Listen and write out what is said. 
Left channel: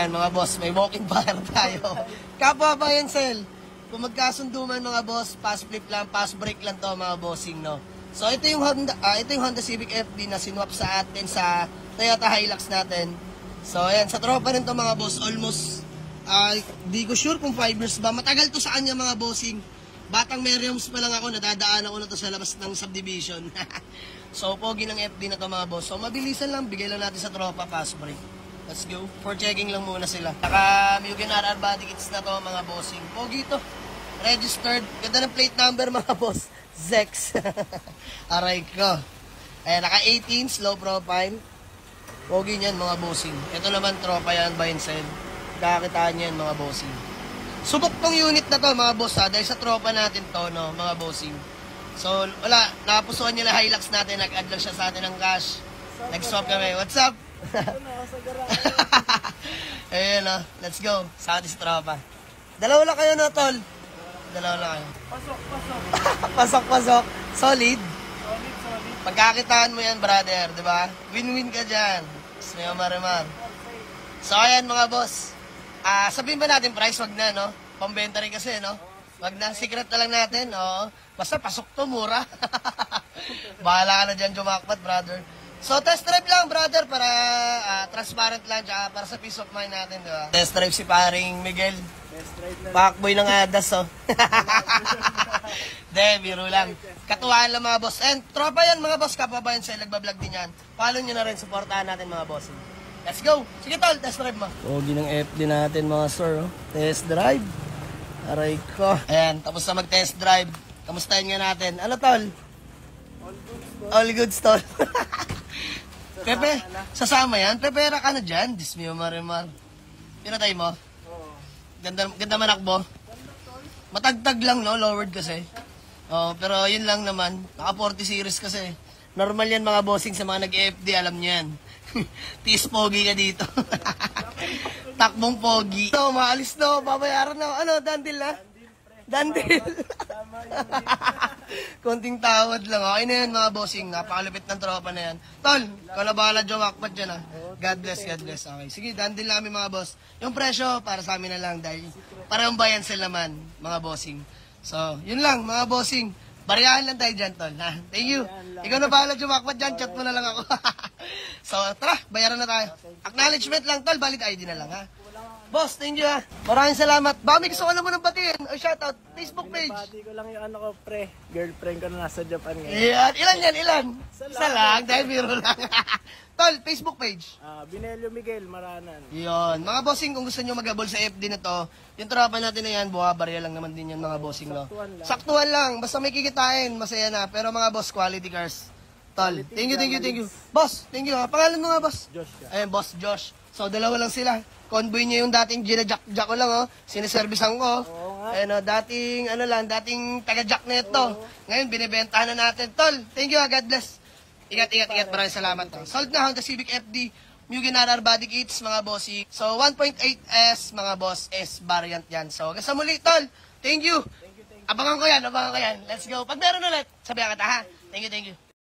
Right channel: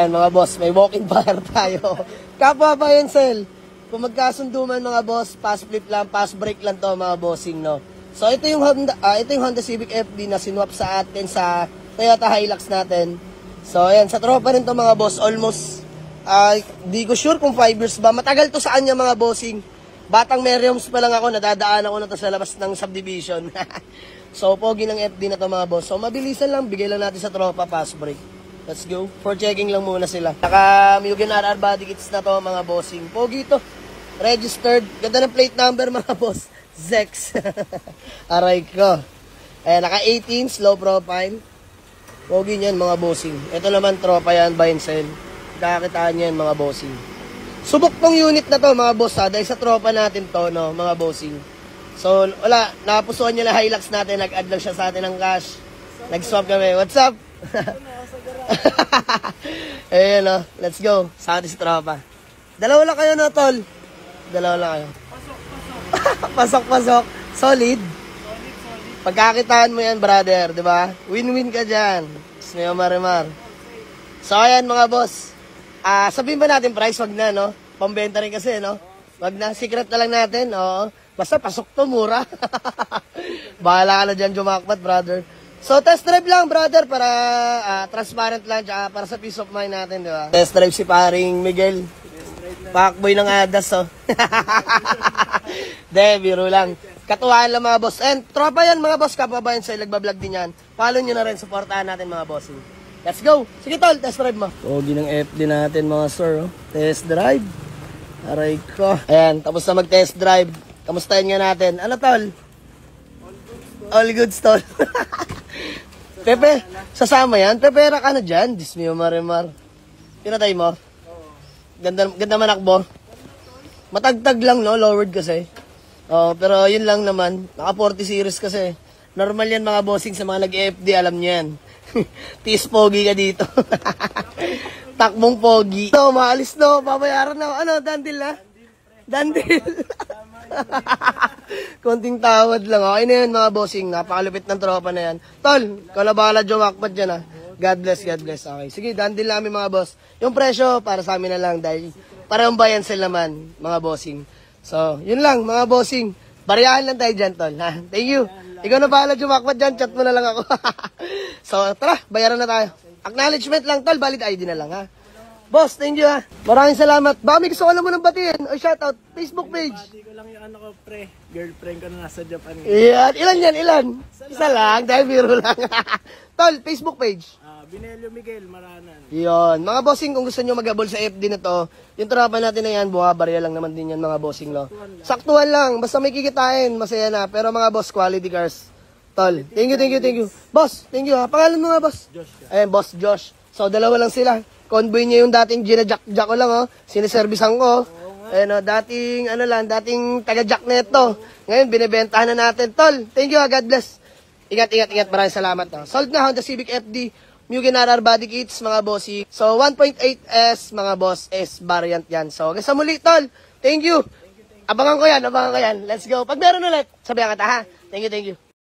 Ayan mga boss, may walking fire tayo. Kapwa pa yan, Sel. Kung magkasundo man mga boss, pass flip lang, pass break lang to mga bossing, no. So ito yung Honda Civic FD na sinwap sa atin sa Toyota Hilux natin. So ayan, sa tropa rin to mga boss, almost di ko sure kung 5 years ba. Matagal to sa kanya mga bossing. Batang Merriams pa lang ako, nadadaan ako na to sa labas ng subdivision. So pogi ng FD na to mga boss. So mabilisan lang, bigay lang natin sa tropa, pass break. Let's go. For checking lang muna sila. Naka Mugen RR body kits na to mga bossing. Pogi to. Registered. Ganda ng plate number mga boss. Zex. Aray ko. Naka 18, slow profile. Pogi niyan mga bossing. Ito naman tropa yan, buy and sell. Kakakitaan yan mga bossing. Subok tong unit na to mga boss dahil sa tropa natin to, no, mga bossing. So wala, nakapusuan niya na Hilux natin. Nag-add lang siya sa atin ng cash. Nag-swap kami. What's up? Ayan o, let's go. Sa atin si tropa. Dalawa lang kayo na tol. Dalawa lang kayo. Pasok. Solid. Pagkakitaan mo yan brother, di ba? Win-win ka dyan. Snayo marimar. So ayan mga boss. Sabihin ba natin price? Wag na, no? Pambenta rin kasi, no? Wag na, secret na lang natin. Oo. Basta pasok to, mura. Bahala ka na dyan jumakpat brother. So, test drive lang, brother, para transparent lang, tsaka para sa peace of mind natin, di ba? Test drive si paring Miguel. Pakboy ng adas, oh. De, biro lang. Katuwaan lang, mga boss. And, tropa yan, mga boss, kapabayan sa nagbablog din yan. Follow nyo na rin, supportahan natin, mga boss. Let's go. Sige, tol, test drive mo. Pogi ng FD natin, mga sir, oh. Test drive. Aray ko. Ayan, tapos na mag-test drive. Kamustahin nga natin. Ano, tol? All goods, tol. Pepe, sasama yan? Pepera ka na dyan. Dismio marimar. Tinatay mo? Ganda manakbo. Matagtag lang, no? Lowered kasi. Pero yun lang naman. Naka 40 series kasi. Normal yan mga bossing sa mga nag-FD. Alam nyo yan. Tis pogi ka dito. Takbong pogi. No, maalis no. Pabayaran na. Ano, dandil na? Dandil. Konting tawad lang. Okay na yan mga bossing. Napakalupit ng tropa na yan. Tol, kalabala jumakpat dyan ha. God bless, God bless. Okay. Sige, dandil namin mga boss. Yung presyo, para sa amin na lang. Dahil parang buy and sell naman mga bossing. So, yun lang mga bossing. Bariyahan lang tayo dyan, tol. Ha? Thank you. Ikaw na bahala jumakpat dyan. Chat mo na lang ako. So, tara. Bayaran na tayo. Acknowledgement lang, tol. Valid ID na lang ha. Boss, thank you ha. Maraming salamat. Baka may gusto ko lang mo ng batiin. O shoutout, Facebook page. Bati ko lang yung ano ko, pre. Girlfriend ko na nasa Japan ngayon. Yan. Ilan yan? Ilan? Isa lang. Dahil biro lang. Tol, Facebook page. Binelio Miguel, Maranan. Yun. Mga bossing, kung gusto nyo mag-abol sa FD na to, yung tropa natin na yan, buha-barya lang naman din yan mga bossing, no? Saktuhan lang. Basta may kikitain, masaya na. Pero mga boss, quality cars. Tol, thank you. Boss, thank you ha. Pangalan mo nga, boss? Josh ka. Ayan, boss Josh. So, dalawa lang sila. Convoy niya yung dating gina-jack ko lang, oh. Siniservisan ko. Ayan, dating taga-jack neto. Ngayon, binibentahan na natin. Tol, thank you, God bless. Ingat. Maraming salamat. Sold na Honda Civic FD, Mugen RR body kits, mga bossi. So, 1.8S, mga boss, S variant yan. So, hanggang sa muli, tol. Thank you. Abangan ko yan. Let's go. Pag meron ulit, sabihan kita, ha? Thank you.